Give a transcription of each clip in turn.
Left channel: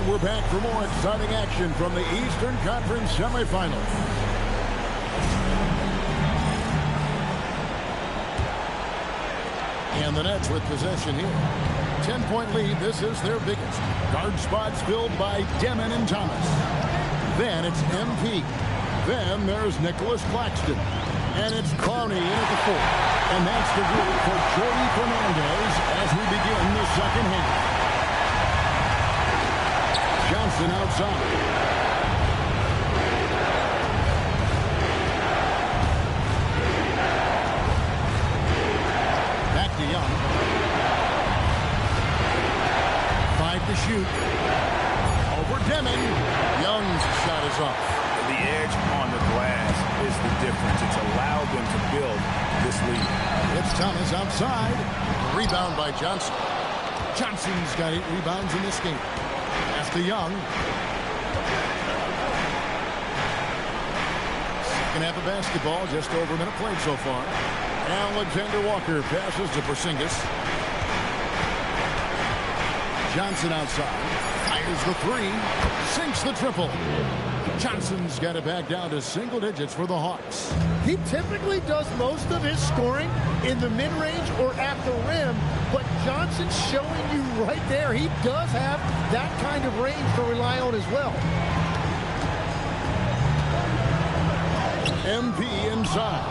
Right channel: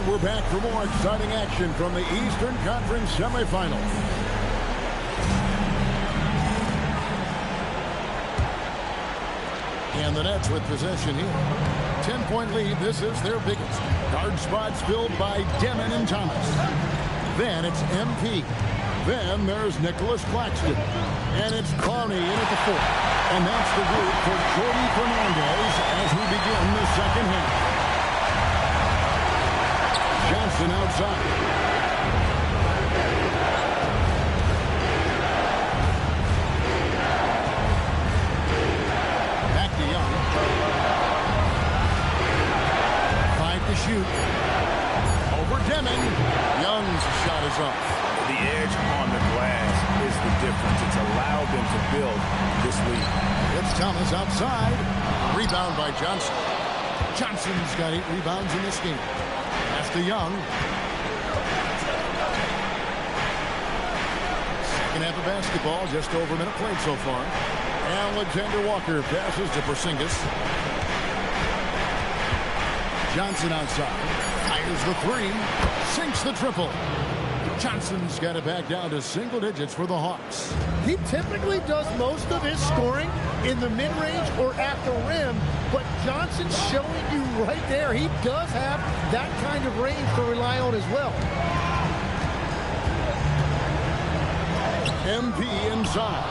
And we're back for more exciting action from the Eastern Conference semifinals. And the Nets with possession here. 10-point lead. This is their biggest. Guard spots filled by Demon and Thomas. Then it's MP. Then there's Nicholas Claxton. And it's Clowney in at the 4. And that's the group for Jordi Fernandez as we begin the second half. Johnson outside. Back to Young. 5 to shoot. Over Demon. Young's shot is off. The edge on the glass is the difference. It's allowed them to build this lead. It's Thomas outside. Rebound by Johnson. Johnson's got 8 rebounds in this game. Pass to Young. Second half of basketball, just over a minute played so far. Alexander Walker passes to Porzingis. Johnson outside. Fires the 3. Sinks the triple. Johnson's got it back down to single digits for the Hawks. He typically does most of his scoring in the mid-range or at the rim, but Johnson's showing you right there he does have that kind of range to rely on as well. MP inside.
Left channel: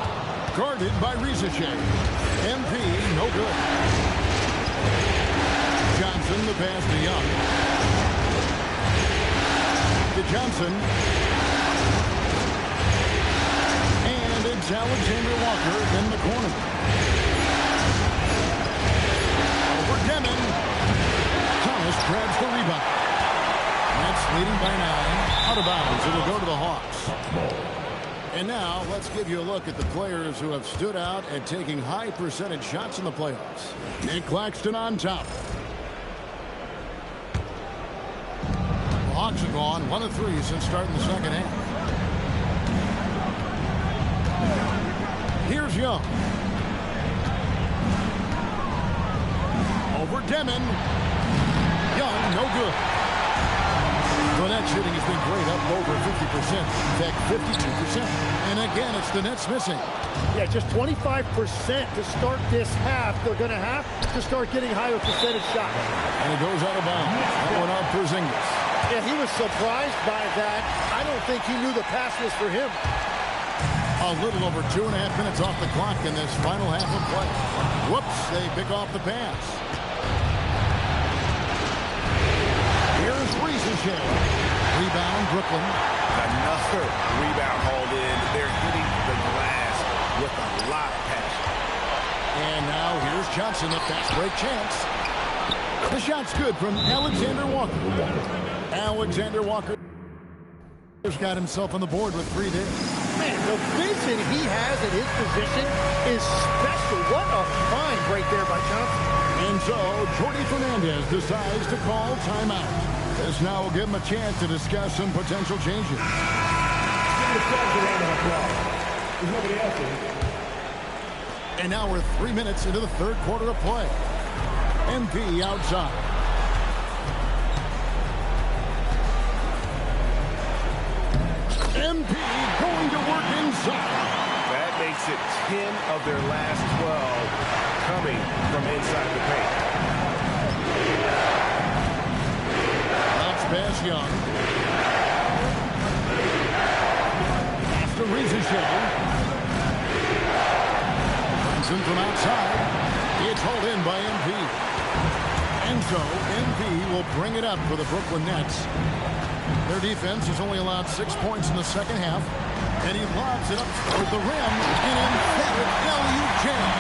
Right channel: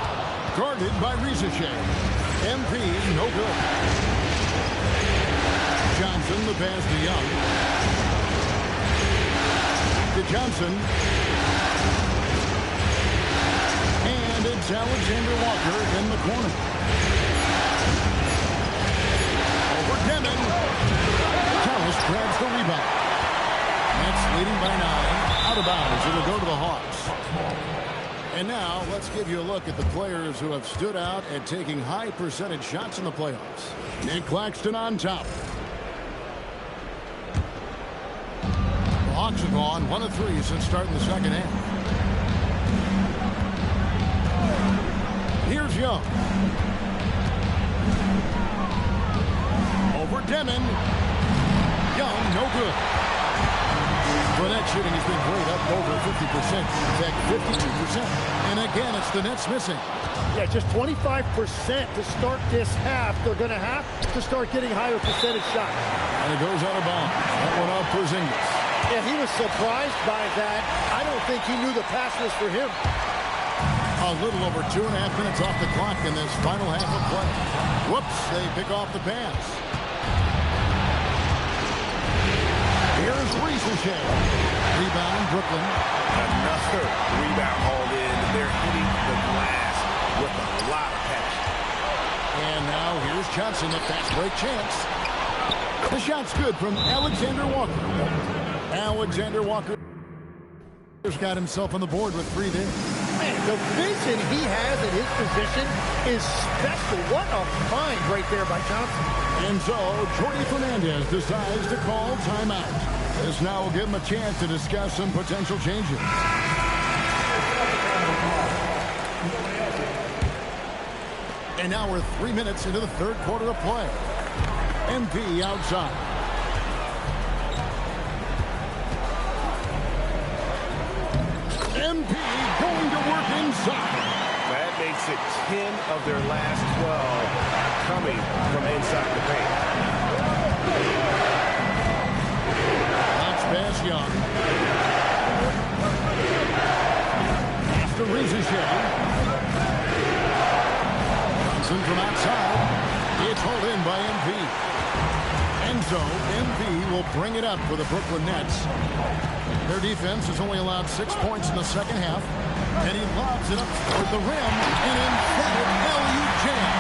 Guarded by Risache. MP no good. Johnson the pass to Young. To Johnson. And it's Alexander Walker in the corner. Over Demon. Thomas grabs the rebound. Nets leading by 9. Out of bounds. It'll go to the Hawks. And now let's give you a look at the players who have stood out and taking high percentage shots in the playoffs. Nick Claxton on top. The Hawks have gone 1 of 3 since starting the second half. Here's Young. Over Demon. Young, no good. Well, that shooting has been great, up over 50%. In fact, 52%. And again, it's the Nets missing. Yeah, just 25% to start this half. They're going to have to start getting higher percentage shots. And it goes out of bounds. That one off Porzingis. Yeah, he was surprised by that. I don't think he knew the pass was for him. A little over 2.5 minutes off the clock in this final half of play. Whoops, they pick off the pass. Here's Risache. Rebound, Brooklyn. Another rebound hauled in. They're hitting the glass with a lot of passion. And now here's Johnson, a fast break chance. The shot's good from Alexander Walker. Alexander Walker has got himself on the board with 3 there. Man, the vision he has at his position is special. What a find right there by Johnson. And so, Jordi Fernandez decides to call timeout. This now will give him a chance to discuss some potential changes. And now we're 3 minutes into the third quarter of play. MP outside. MP going to work inside. That makes it 10 of their last 12 coming from inside the paint. Bounce pass Young. After Risache. Johnson from outside. It's hauled in by MP. And so MP will bring it up for the Brooklyn Nets. Their defense has only allowed 6 points in the second half. And he lobs it up toward the rim. An emphatic alley-oop jam.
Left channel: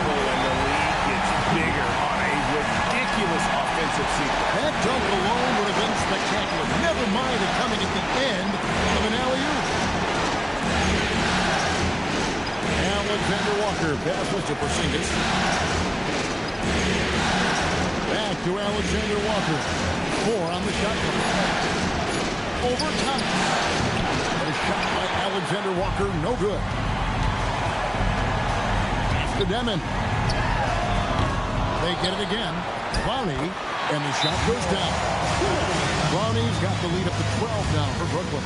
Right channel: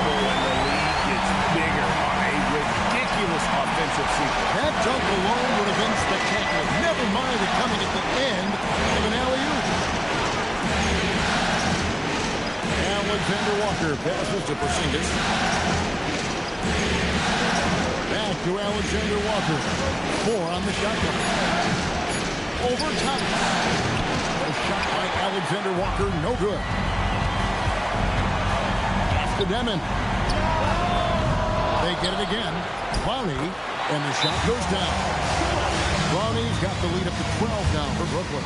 Oh, and the lead gets bigger on a ridiculous offensive sequence. That dunk alone would have been spectacular. Never mind it coming at the end of an alley-oop. Alexander Walker passes to Porzingis. Back to Alexander Walker. 4 on the shot clock. Over Thomas. A shot by Alexander Walker, no good. Pass to Demon. They get it again. Clowney, and the shot goes down. Brownies got the lead up to 12 now for Brooklyn.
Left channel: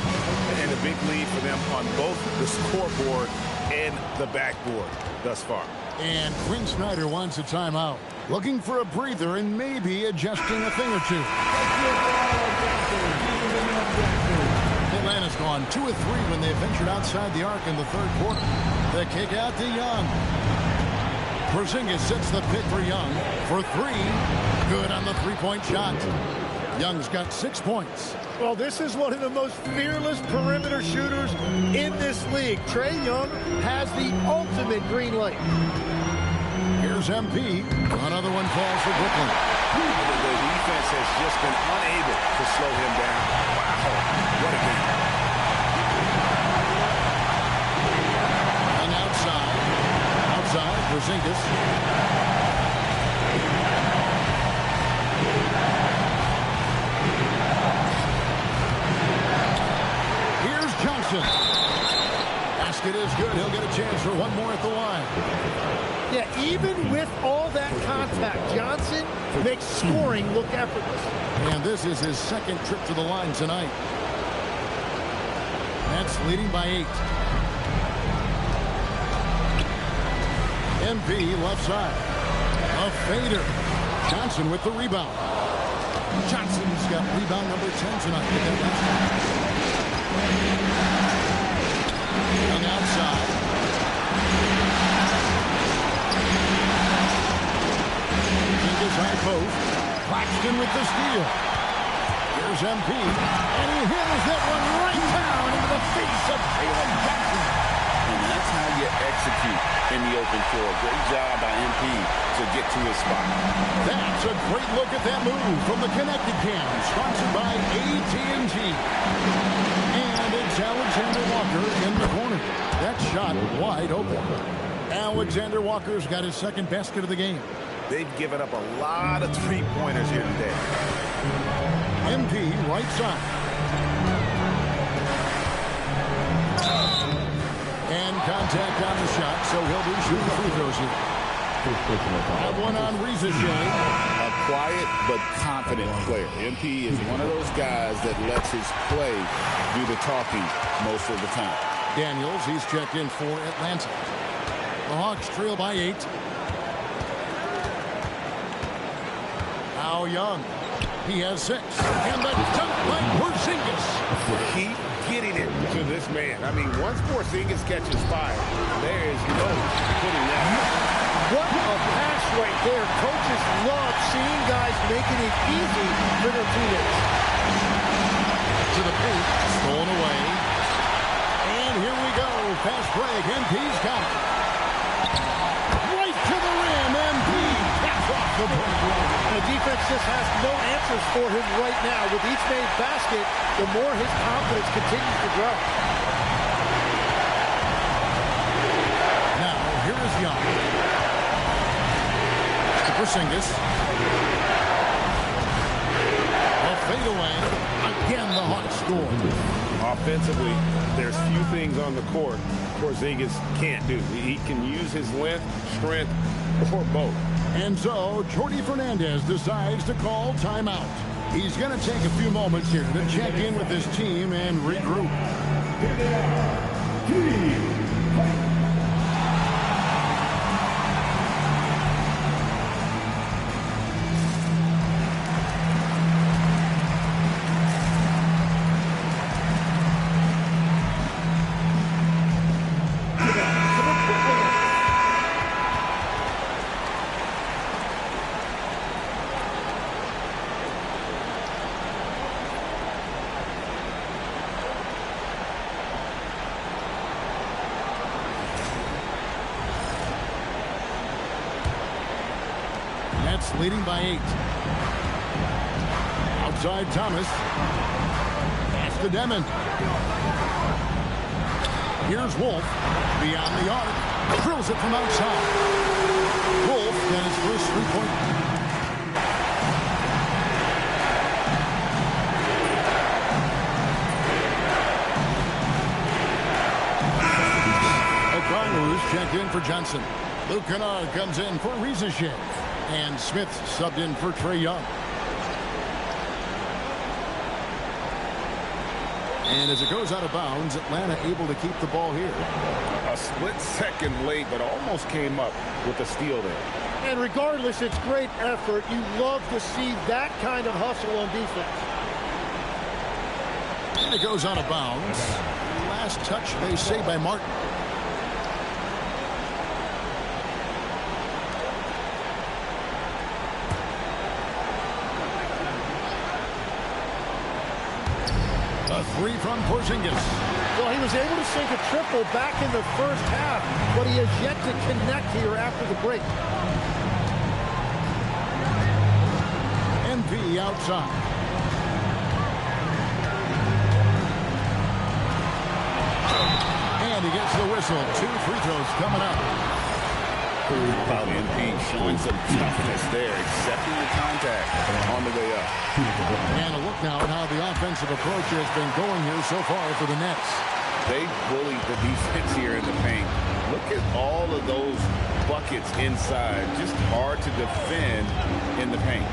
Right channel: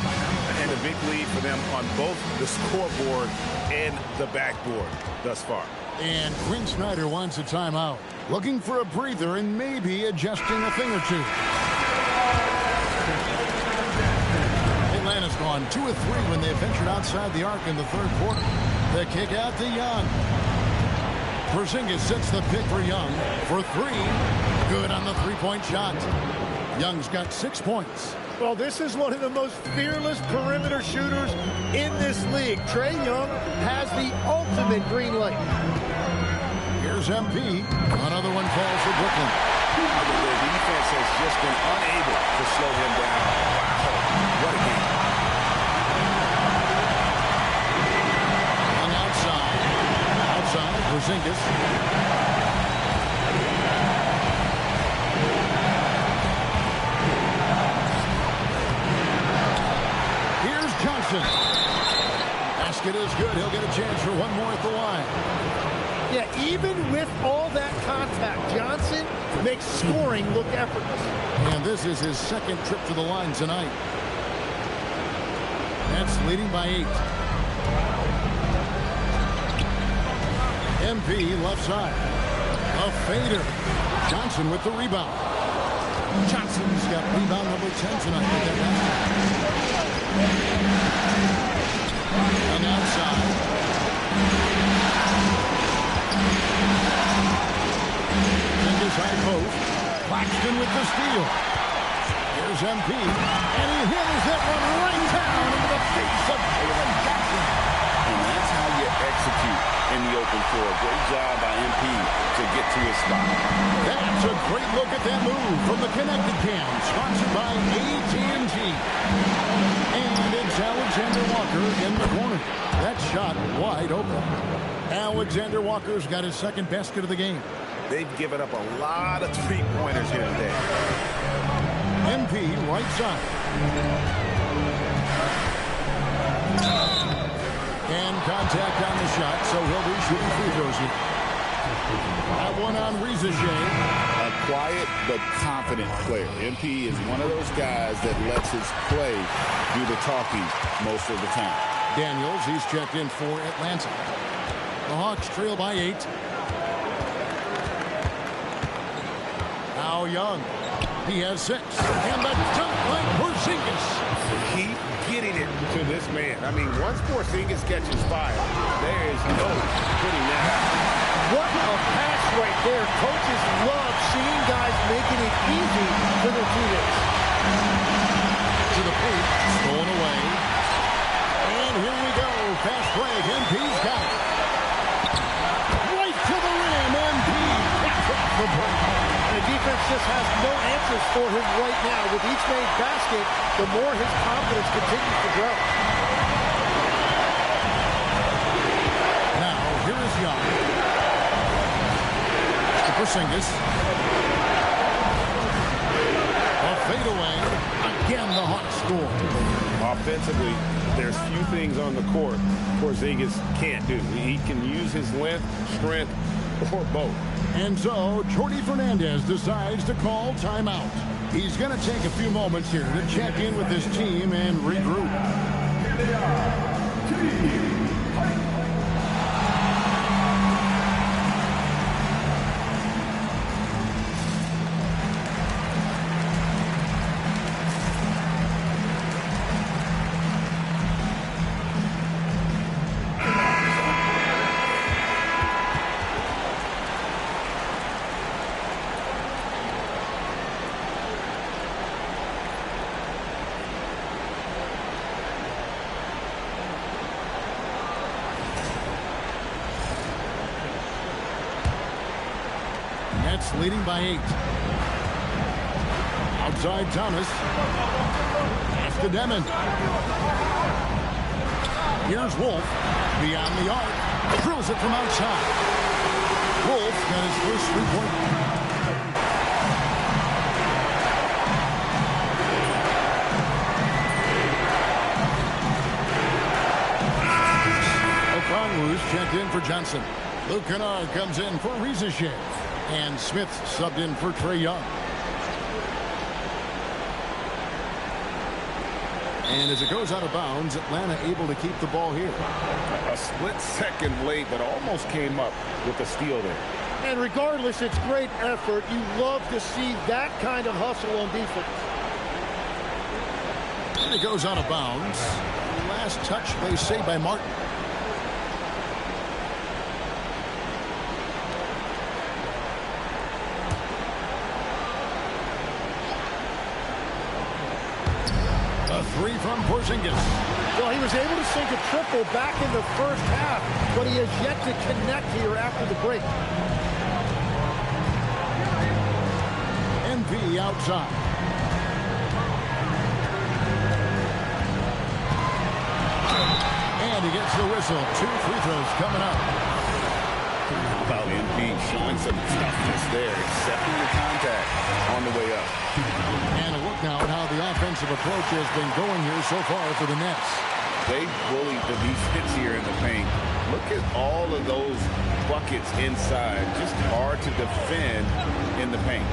And a big lead for them on both the scoreboard and the backboard thus far. And Quinn Snyder wants a timeout. Looking for a breather and maybe adjusting a thing or two. Atlanta's gone 2 of 3 when they ventured outside the arc in the third quarter. The kick out to Young. Porzingis sets the pick for Young for 3. Good on the three-point shot. Young's got 6 points. Well, this is one of the most fearless perimeter shooters in this league. Trae Young has the ultimate green light. Here's MP. Another one falls for Brooklyn. The defense has just been unable to slow him down. Wow, what a game. Young outside. Outside, Porzingis. Here's Johnson. Basket is good. He'll get a chance for one more at the line. Yeah, even with all that contact, Johnson makes scoring look effortless. And this is his second trip to the line tonight. Nets leading by 8. MP left side. A fader. Johnson with the rebound. Johnson's got rebound number 10 tonight with that last one. Young outside. His high post. Claxton with the steal. Here's MP. And he hammers that one right down into the face of Jalen Jackson. And that's how you execute in the open floor. Great job by MP to get to his spot. That's a great look at that move from the Connected Cam, sponsored by AT&T. And it's Alexander Walker in the corner. That shot wide open. Alexander Walker's got his second basket of the game. They've given up a lot of three-pointers here today. MP right side. And contact on the shot, so he'll be shooting free throws here. That one on Reza Shea. A quiet but confident player. MP is one of those guys that lets his play do the talking most of the time. Daniels, he's checked in for Atlanta. The Hawks trail by 8. Now Young. He has 6. And the dunk by Porzingis. Keep getting it to this man. I mean, once Porzingis catches fire, there is no putting that out. What a pass right there. Coaches love seeing guys making it easy for their teammates. To the paint. Stolen away. And here we go. Fast break. MP's got it. Right to the rim. MP taps off the break. And the defense just has no answers for him right now. With each made basket, the more his confidence continues to grow. Now, here is Young. To Porzingis. A fadeaway. Again, the Hawks score. Offensively, there's few things on the court Porzingis can't do. He can use his length, strength, or both. And so, Jordi Fernandez decides to call timeout. He's going to take a few moments here to check in with his team and regroup. Nets leading by 8. Outside Thomas. Pass to Demon. Here's Wolf. Beyond the arc. Drills it from outside. Wolf got his first three-point. Okongwu's checked in for Johnson. Luke Kennard comes in for Reza Shea. And Smith subbed in for Trae Young. And as it goes out of bounds, Atlanta able to keep the ball here. A split second late, but almost came up with a steal there. And regardless, it's great effort. You love to see that kind of hustle on defense. And it goes out of bounds. Last touch, they say, by Martin. A three from Porzingis. Well, he was able to sink a triple back in the first half, but he has yet to connect here after the break. MP outside. And he gets the whistle. 2 free throws coming up. How about MP showing some toughness there, accepting the contact on the way up. And a look now at how the offensive approach has been going here so far for the Nets. They bullied the defense here in the paint. Look at all of those buckets inside. Just hard to defend in the paint.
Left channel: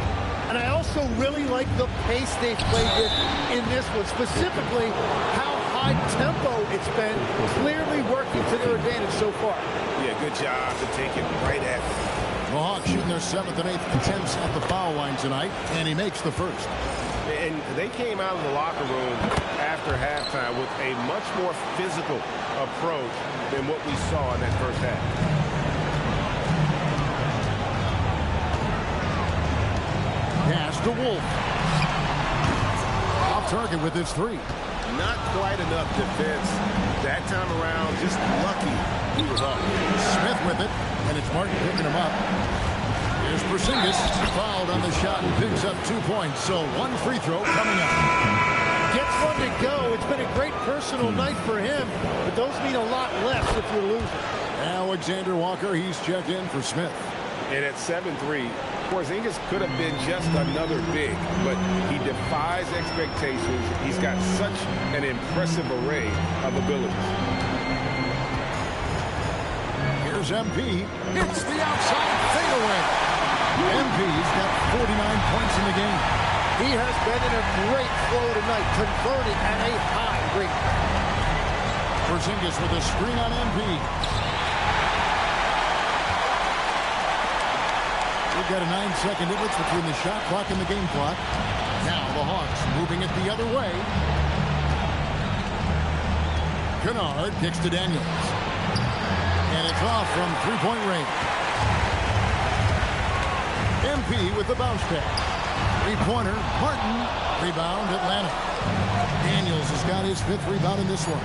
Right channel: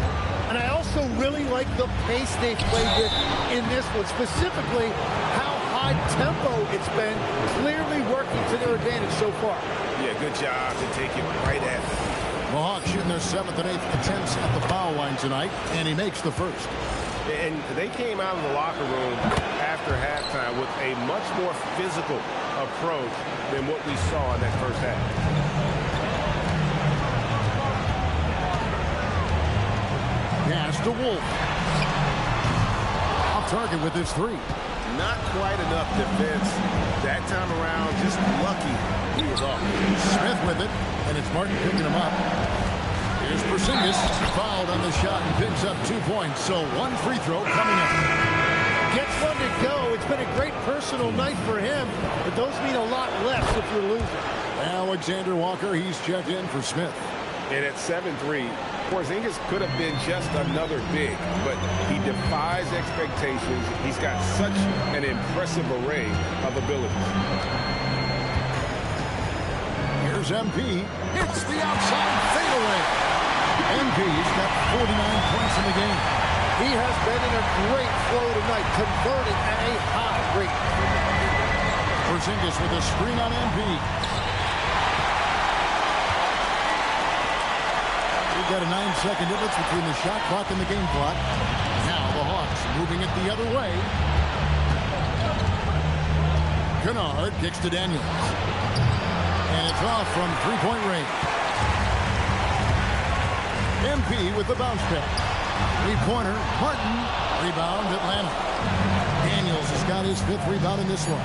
And I also really like the pace they played with in this one, specifically how high tempo it's been, clearly working to their advantage so far. Yeah, good job to take it right at them. The Hawks shooting their 7th and 8th attempts at the foul line tonight, and he makes the first. And they came out of the locker room after halftime with a much more physical approach than what we saw in that first half. Pass to Wolf. Off target with his 3. Not quite enough defense that time around. Just lucky he was off. Smith with it, and it's Martin picking him up. Here's Porzingis, fouled on the shot and picks up 2 points. So 1 free throw coming up. Gets one to go. It's been a great personal night for him, but those mean a lot less if you're losing. Alexander Walker, he's checked in for Smith. And at 7-3, Porzingis could have been just another big, but he defies expectations. He's got such an impressive array of abilities. Here's MP. Hits the outside fadeaway. MP's got 49 points in the game. He has been in a great flow tonight, converting at a high rate. Porzingis with a screen on MP. We've got a 9-second difference between the shot clock and the game clock. Now the Hawks moving it the other way. Kennard kicks to Daniels. And it's off from 3-point range. MP with the bounce pass. 3-pointer, Martin. Rebound, Atlanta. Daniels has got his 5th rebound in this one.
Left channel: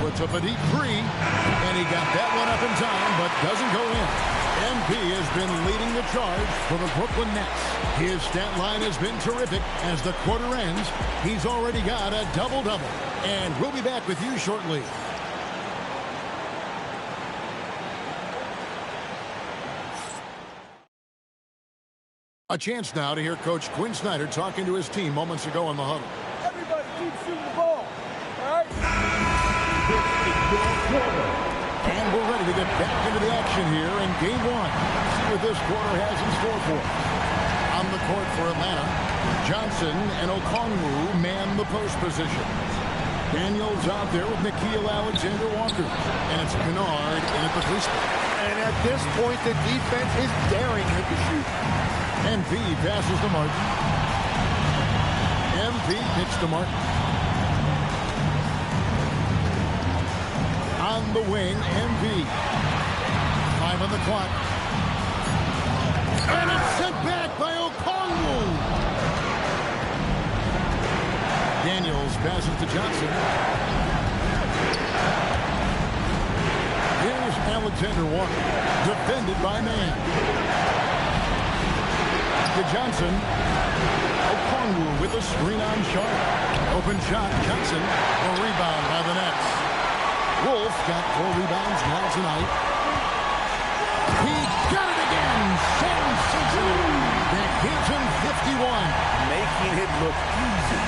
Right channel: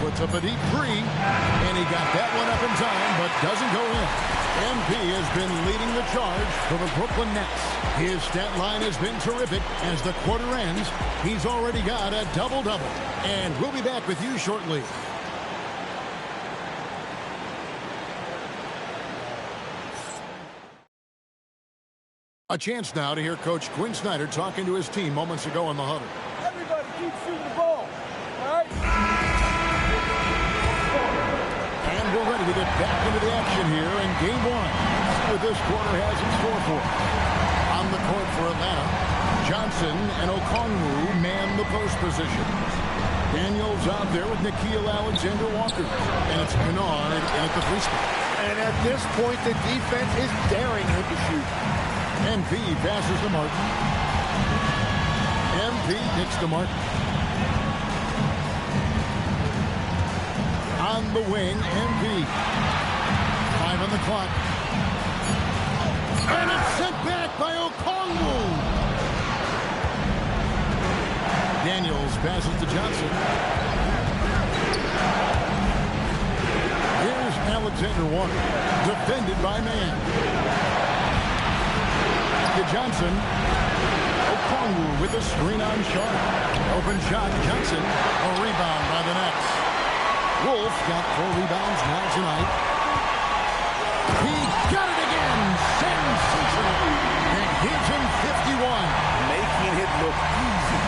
Puts up a deep 3. And he got that one up in time, but doesn't go in. MP has been leading the charge for the Brooklyn Nets. His stat line has been terrific. As the quarter ends, he's already got a double-double. And we'll be back with you shortly. A chance now to hear Coach Quinn Snyder talking to his team moments ago in the huddle. Everybody keep shooting the ball, all right? And we're ready to get back into the action here in Game 1. Let's see what this quarter has in store for us. On the court for Atlanta, Johnson and Okongwu man the post positions. Daniels out there with Nickeil Alexander-Walker. And it's Kennard in at the free throw. And at this point, the defense is daring him to shoot. MP passes to Martin. MP kicks to Martin. On the wing, MP. 5 on the clock. And it's sent back by Okongwu. Daniels passes to Johnson. Here's Alexander Walker, defended by man. To Johnson. Okongwu with a screen on Sharp. Open shot, Johnson. A rebound by the Nets. Wolf got 4 rebounds now tonight. He got it again. Sensational. That gives him 51. Making it look easy.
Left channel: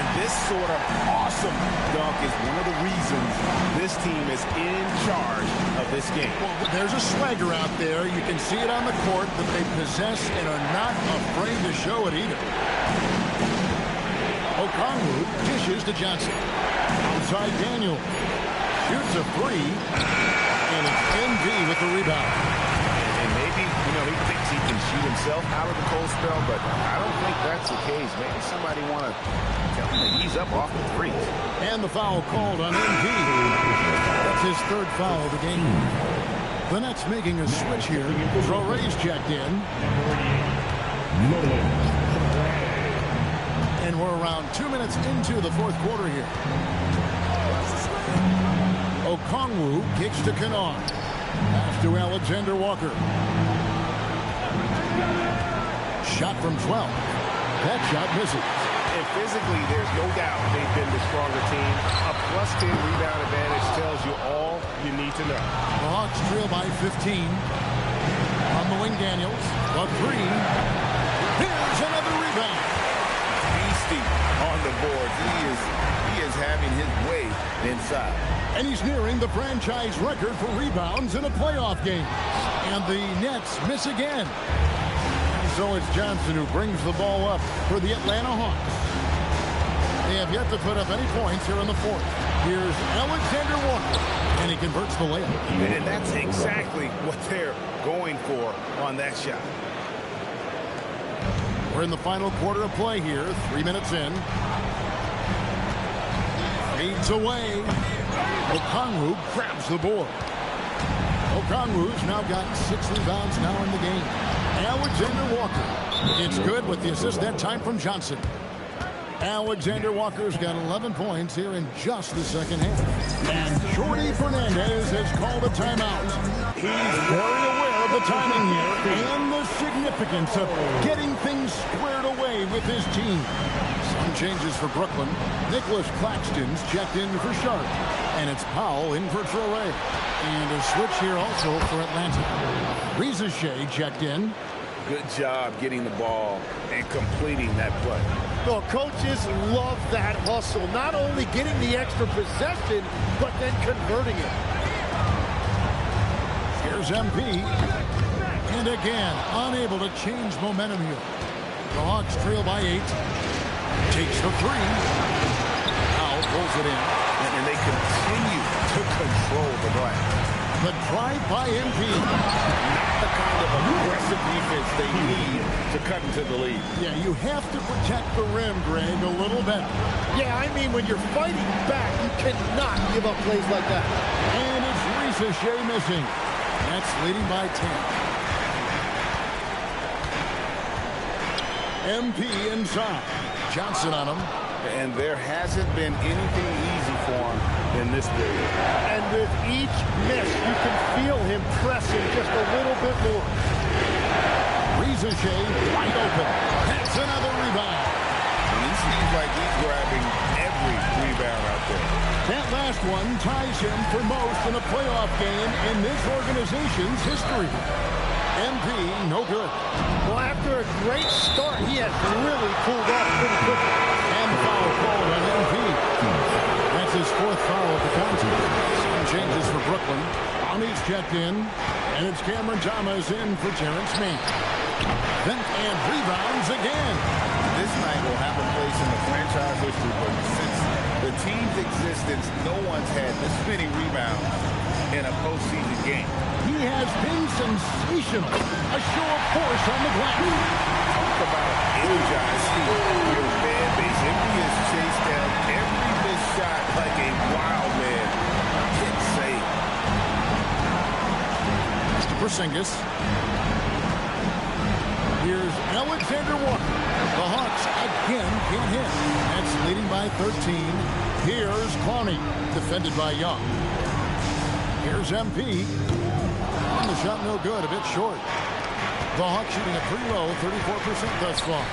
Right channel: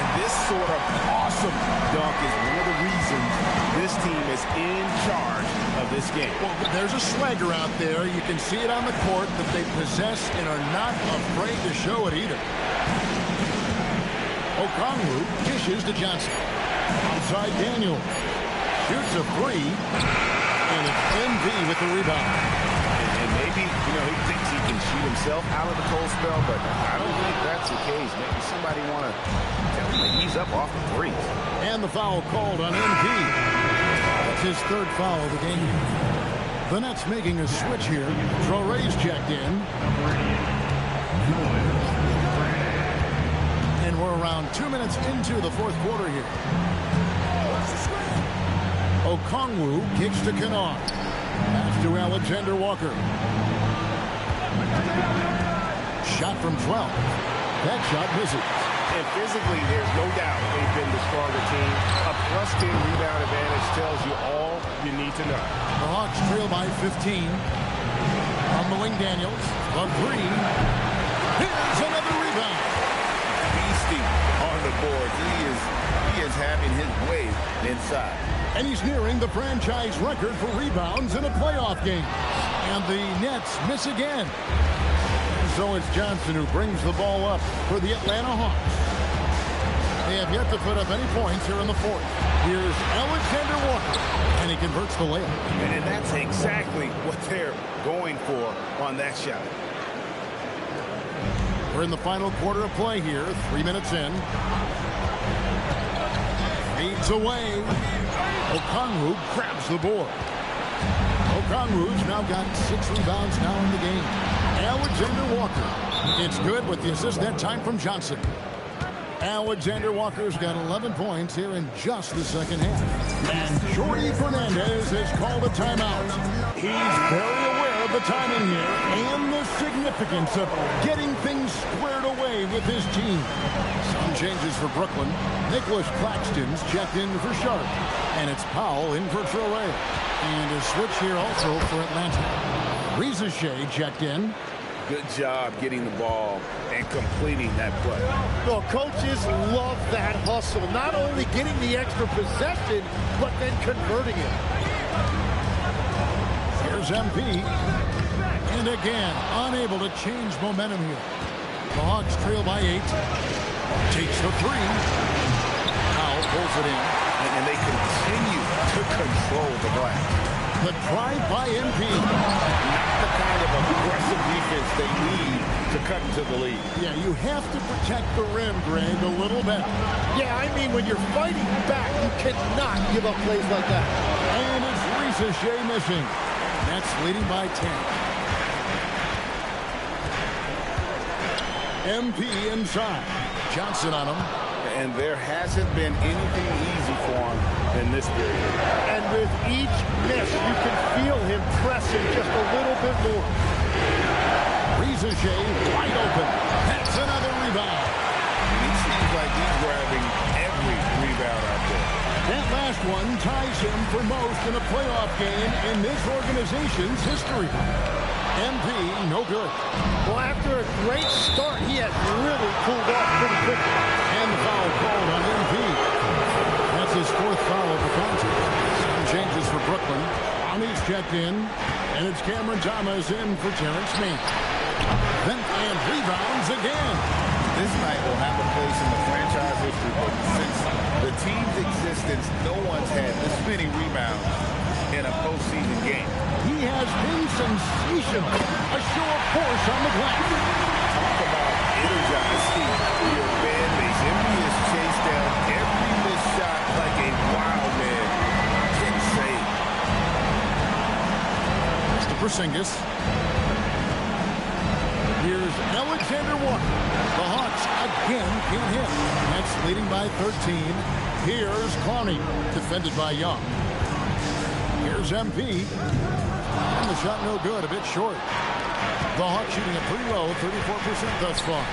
And this sort of awesome dunk is one of the reasons this team is in charge of this game. Well, there's a swagger out there. You can see it on the court that they possess and are not afraid to show it either. Okongwu dishes to Johnson. Outside Daniels. Shoots a three. And it's MV with the rebound. And maybe, he thinks he can shoot himself out of the cold spell, but I don't think that's the case. Maybe somebody want to tell him to ease up off the threes. And the foul called on MV. That's his third foul of the game. The Nets making a switch here. Traore's checked in. And we're around 2 minutes into the fourth quarter here. Okongwu kicks to Kennard. Pass to Alexander Walker. Shot from 12. That shot misses. And physically, there's no doubt they've been the stronger team. A plus 10 rebound advantage tells you all you need to know. The Hawks trail by 15. On the wing, Daniels. The three. Here's another rebound. Beasting on the boards. He is having his way inside. And he's nearing the franchise record for rebounds in a playoff game. And the Nets miss again. And so it's Johnson who brings the ball up for the Atlanta Hawks. They have yet to put up any points here in the fourth. Here's Alexander Walker, and he converts the layup. And that's exactly what they're going for on that shot. We're in the final quarter of play here, 3 minutes in. Fades away. Okongwu grabs the board. Okongwu's now got 6 rebounds now in the game. Alexander Walker. It's good with the assist that time from Johnson. Alexander Walker's got 11 points here in just the second half. And Jordi Fernandez has called a timeout. He's very aware of the timing here and the significance of getting things squared away with his team. Some changes for Brooklyn. Nicholas Claxton's checked in for Sharp. And it's Powell in for Traore. And a switch here also for Atlanta. Reza Shea checked in. Good job getting the ball and completing that play. Well, coaches love that hustle. Not only getting the extra possession, but then converting it. Here's MP. And again, unable to change momentum here. The Hawks trail by 8. Takes the three. Powell pulls it in. And they continue to control the glass. The drive by MP. Not the kind of aggressive defense they need to cut into the lead. Yeah, you have to protect the rim, Greg, a little better. Yeah, I mean, when you're fighting back, you cannot give up plays like that. And it's Reza Shea missing. That's leading by 10. MP inside. Johnson on him. And there hasn't been anything easy for him in this period. And with each miss, you can feel him pressing just a little bit more. Reza Shea wide open. That's another rebound. And he seems like he's grabbing every rebound out there. That last one ties him for most in a playoff game in this organization's history. MP, no good. Well, after a great start, he has really cooled off pretty quickly. And the foul called on MP. That's his 4th foul of the contest. Some changes for Brooklyn. Brownie's checked in. And it's Cameron Thomas in for Terrence Mann. And rebounds again. This night will have a place in the franchise history book. Since the team's existence, no one's had this many rebounds in a postseason game. He has been sensational. A show of force on the glass. Talk about energizing your fan base. MP has chased down every missed shot like a wild man. Can't say. To Porzingis. Here's Alexander Walker. The Hawks again can't hit. That's leading by 13. Here's Clowney, defended by Young. Here's MP. And the shot no good, a bit short. The Hawks shooting it pretty low, 34% thus far.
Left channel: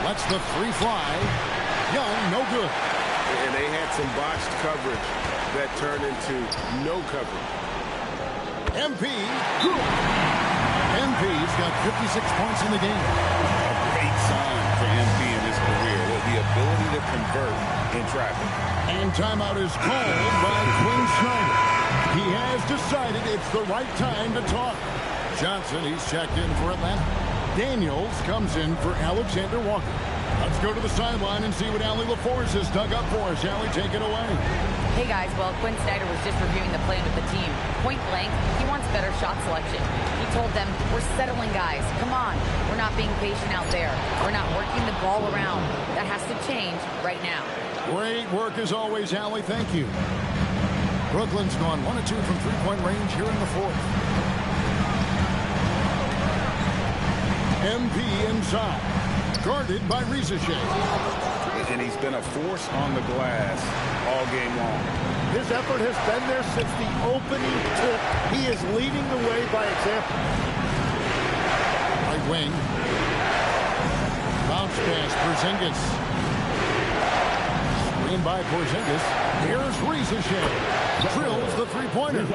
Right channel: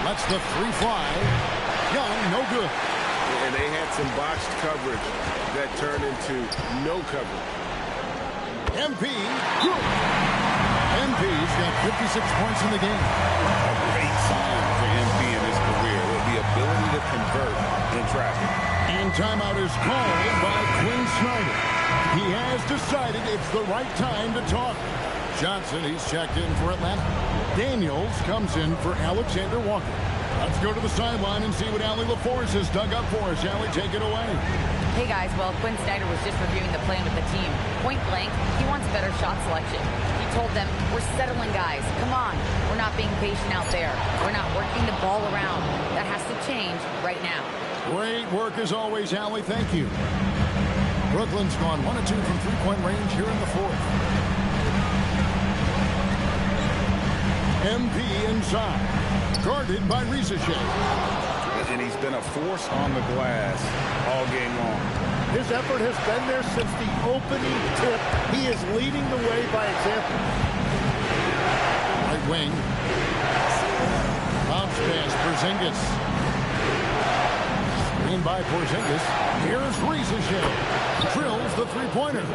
Lets the three fly. Young, no good. And they had some botched coverage that turned into no coverage. MP, good. MP's got 56 points in the game. A great sign for MP in his career. The ability to convert in traffic. And timeout is called by Quinn Snyder. He has decided it's the right time to talk. Johnson, he's checked in for Atlanta. Daniels comes in for Alexander Walker. Let's go to the sideline and see what Allie LaForce has dug up for us. Allie, take it away. Hey guys, well, Quinn Snyder was just reviewing the plan with the team. Point blank, he wants better shot selection. He told them, we're settling guys. Come on, we're not being patient out there. We're not working the ball around. That has to change right now. Great work as always, Allie. Thank you. Brooklyn's gone 1 of 2 from three-point range here in the fourth. MP inside, guarded by Risa Shea. And he's been a force on the glass all game long. His effort has been there since the opening tip. He is leading the way by example. Right wing. Bounce pass, Porzingis. Screen by Porzingis. Here's Risa Shea. Drills the three-pointer.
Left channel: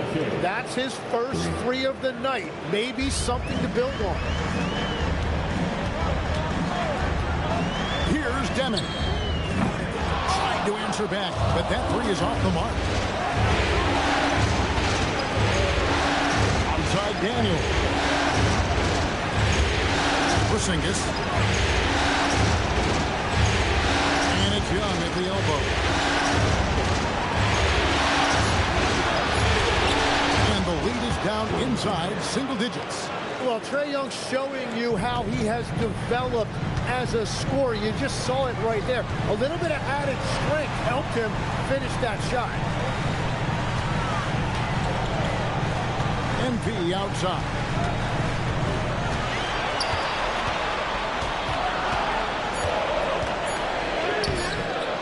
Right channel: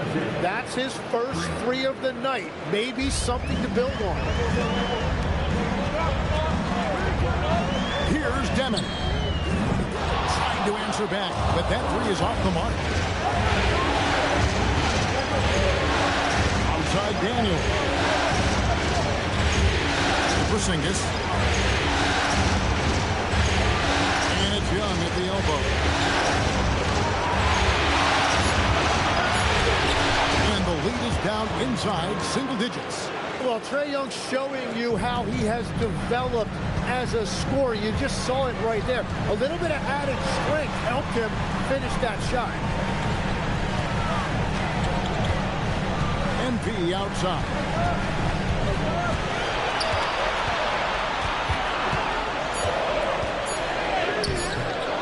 That's his first 3 of the night. Maybe something to build on. Here's Demon. Trying to answer back, but that 3 is off the mark. Outside Daniel. Porzingis. And it's Young at the elbow. And the lead is down inside single digits. Well, Trae Young showing you how he has developed as a scorer. You just saw it right there. A little bit of added strength helped him finish that shot. MP outside.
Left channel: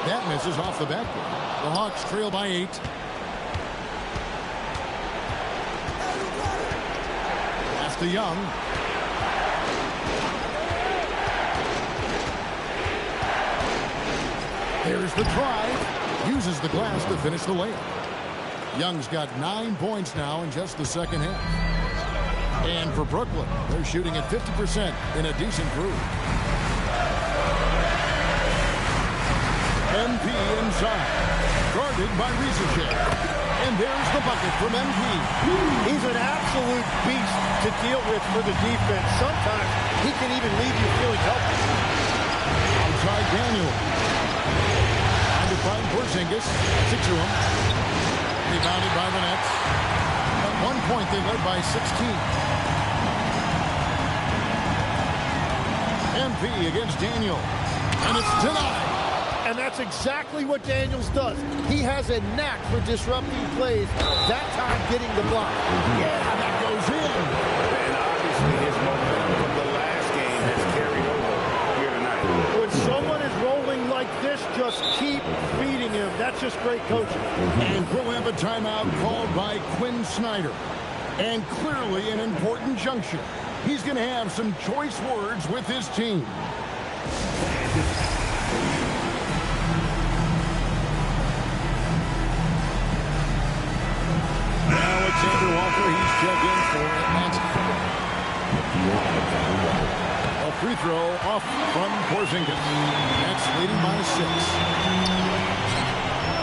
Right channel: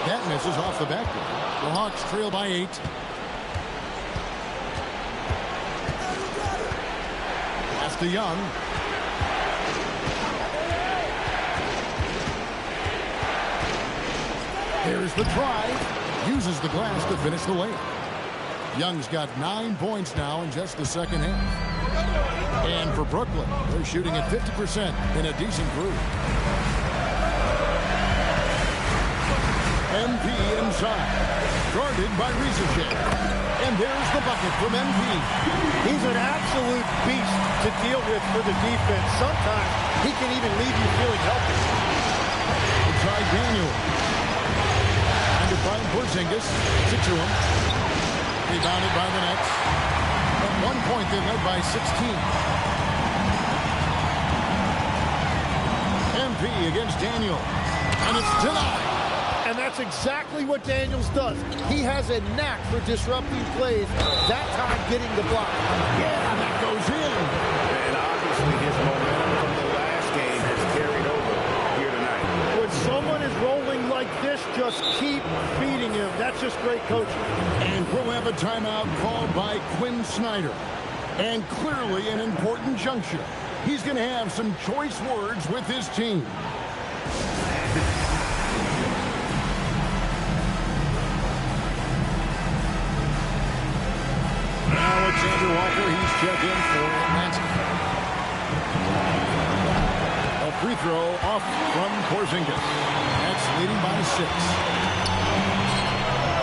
That misses off the backboard. The Hawks trail by 8. Pass to Young. There's the drive. Uses the glass to finish the layup. Young's got 9 points now in just the second half. And for Brooklyn, they're shooting at 50% in a decent groove. MP inside. Guarded by Risa Shea. And there's the bucket from MP. He's an absolute beast to deal with for the defense. Sometimes he can even leave you feeling helpless. Outside Daniel. Trying to find Porzingis. Gets it to him. Rebounded by the Nets. At one point, they led by 16. MP against Daniel. And it's denied. And that's exactly what Daniels does. He has a knack for disrupting plays, that time getting the block. Yeah, that goes in. And obviously his momentum from the last game has carried over here tonight. When someone is rolling like this, just keep feeding him. That's just great coaching. And we'll have a timeout called by Quinn Snyder. And clearly an important juncture. He's going to have some choice words with his team. Alexander Walker, he's checked in for Atlanta. A free throw off from Porzingis. Nets leading by 6.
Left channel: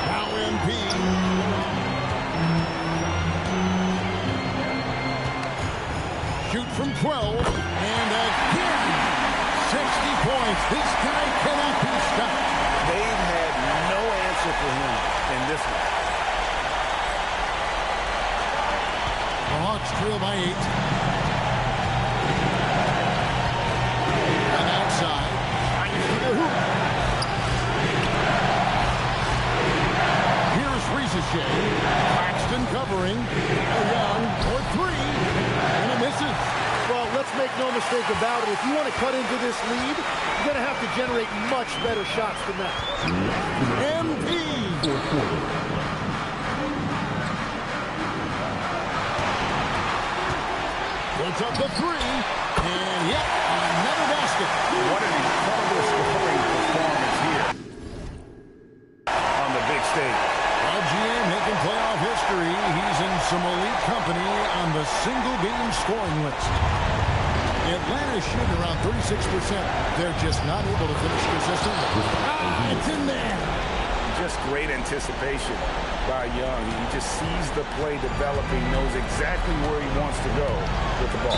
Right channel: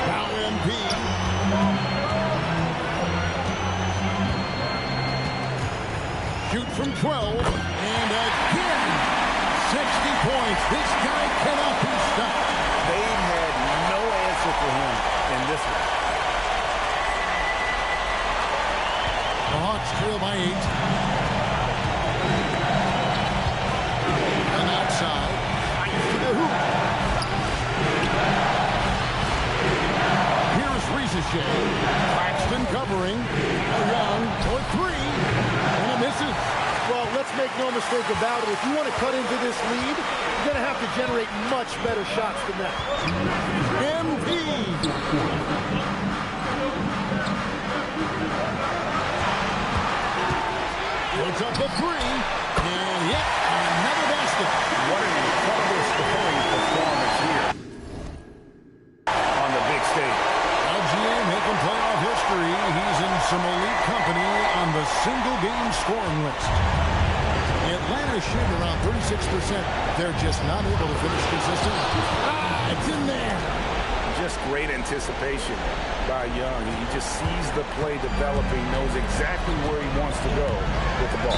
Now MP. Shoot from 12. And again, 60 points. This guy cannot be stopped. They've had no answer for him in this one. The Hawks trail by 8. And outside. To the hoop. Here's Risa Shea. Claxton covering. Young for 3. And it misses. Well, let's make no mistake about it. If you want to cut into this lead, you're going to have to generate much better shots than that. MP. Puts up the 3, and yet another basket. What an incredible scoring performance here on the big stage. LGA making playoff history. He's in some elite company on the single-game scoring list. Atlanta shooting around 36%. They're just not able to finish consistently. It's in there. Just great anticipation by Young. He just sees the play developing, knows exactly where he wants to go with the ball.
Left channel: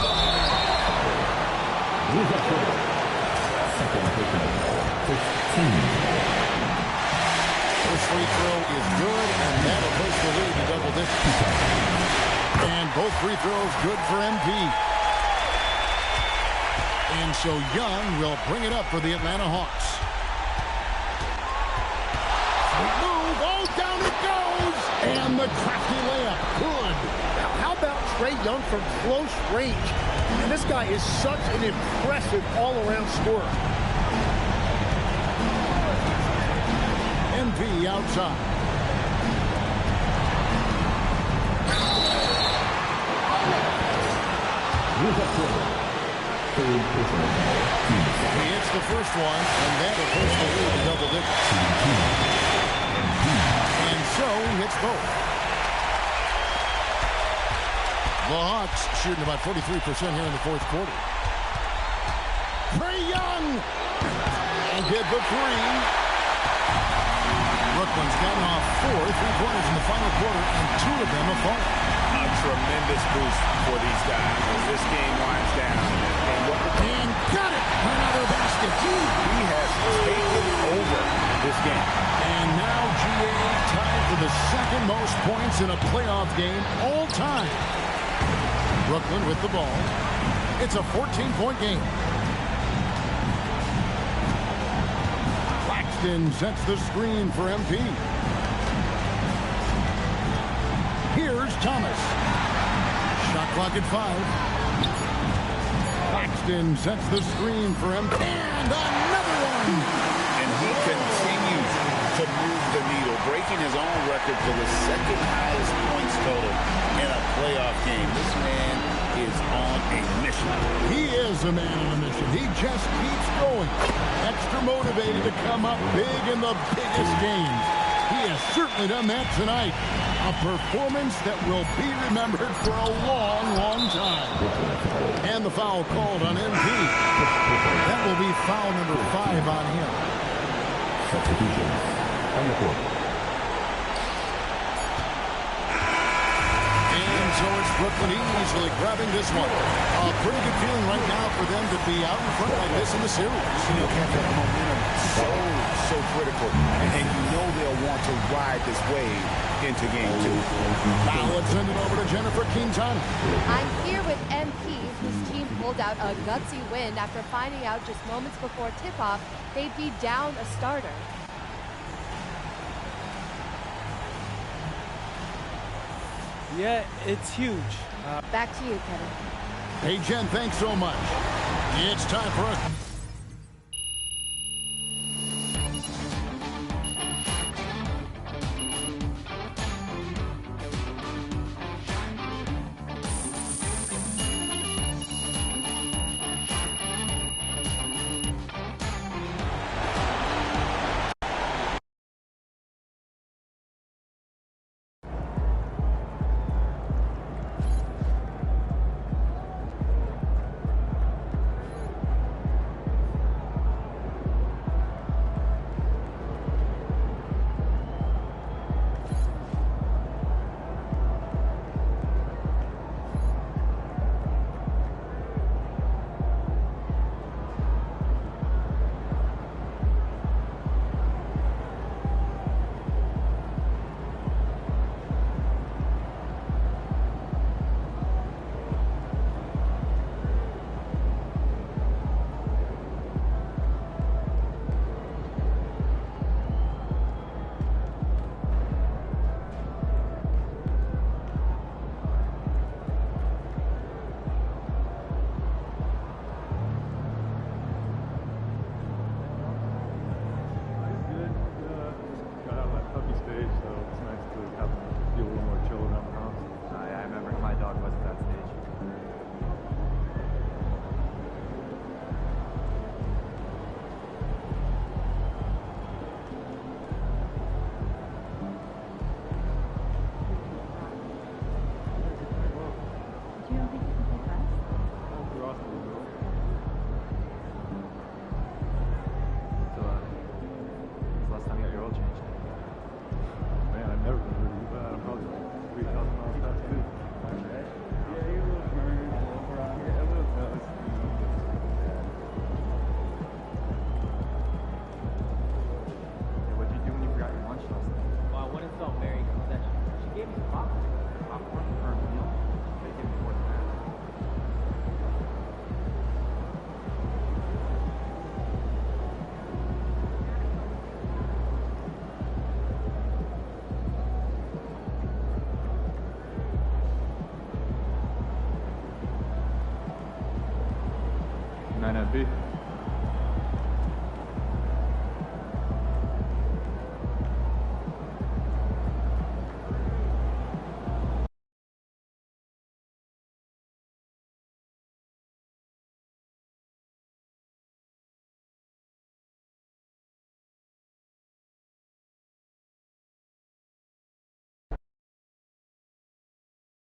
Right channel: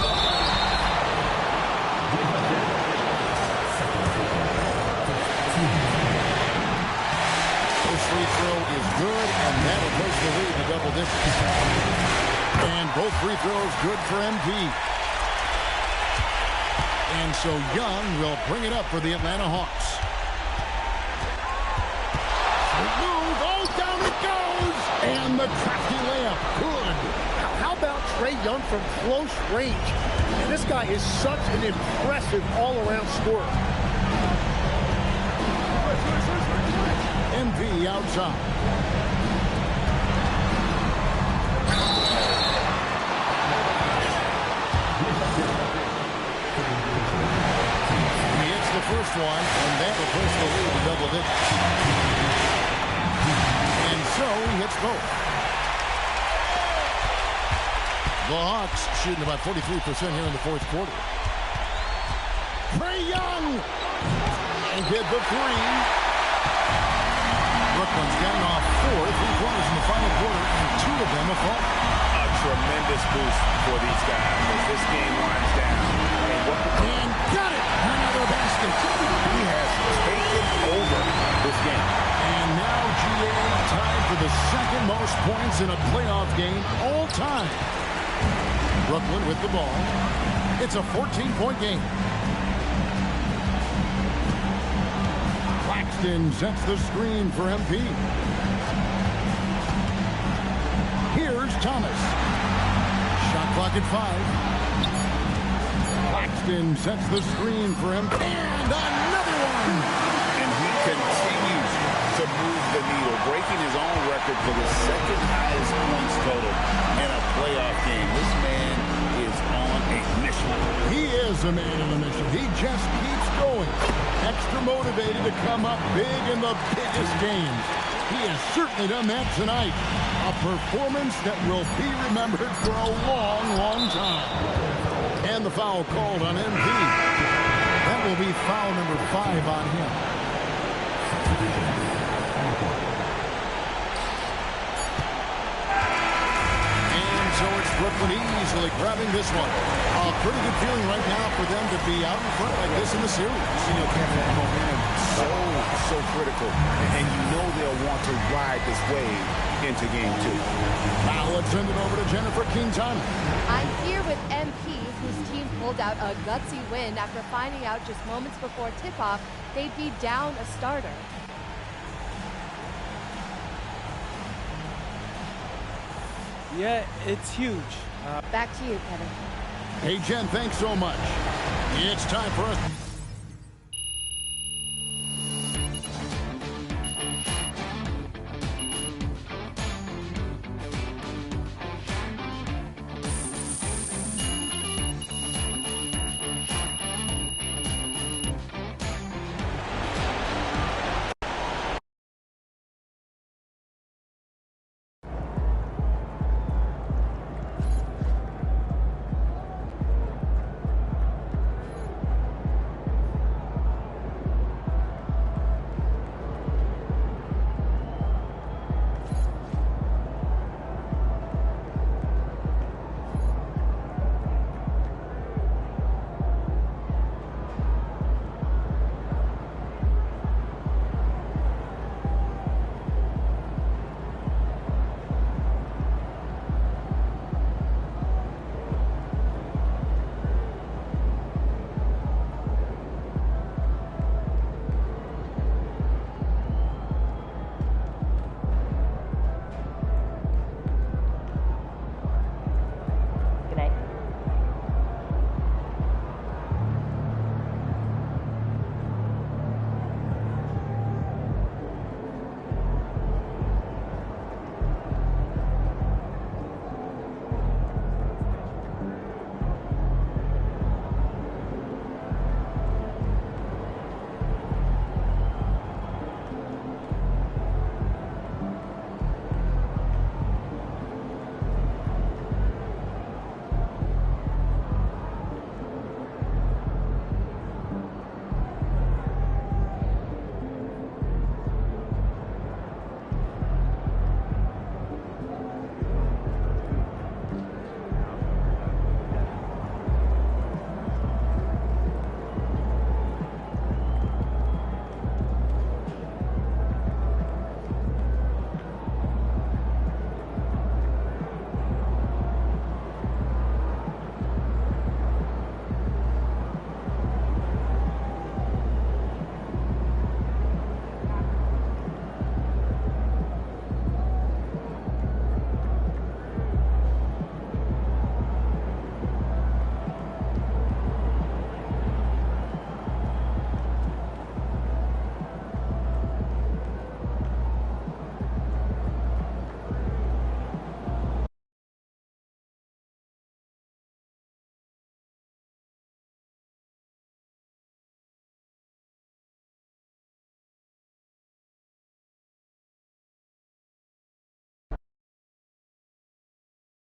First free throw is good, and that'll push the lead to double digits. And both free throws good for MP. And so Young will bring it up for the Atlanta Hawks. Sweet move. Oh, down it goes. And the crafty layup. Good. Now, how about Trae Young from close range? And this guy is such an impressive all-around scorer. MP outside. He hits the first one, and that will push the lead to double digits. And so he hits both. The Hawks shooting about 43% here in the fourth quarter. Trae Young! And get the three. Brooklyn's gotten off 4 3-pointers in the final quarter, and 2 of them have fallen. A tremendous boost for these guys as this game winds down. And got it! Another basket. He has taken over this game. And now GA tied for the second most points in a playoff game all time. Brooklyn with the ball. It's a 14-point game. Claxton sets the screen for MP. Here's Thomas. Shot clock at 5. Claxton sets the screen for MP. And another one! And he continues to move the needle, breaking his own record for the second highest points total in a playoff game. This man is on a mission. He is a man on a mission. He just keeps going. Extra motivated to come up big in the biggest games. He has certainly done that tonight. A performance that will be remembered for a long, long time. And the foul called on MP. That will be foul number 5 on him. And so it's Brooklyn easily grabbing this one. A pretty good feeling right now for them to be out in front like this in the series. You know, Kevin, momentum so critical. And you know they'll want to ride this wave into game 2. Now let's send it over to Jennifer Quintana. I'm here with MP, whose team pulled out a gutsy win after finding out just moments before tip-off they'd be down a starter. Yeah, it's huge. Back to you, Kevin. Hey, Jen, thanks so much. It's time for us.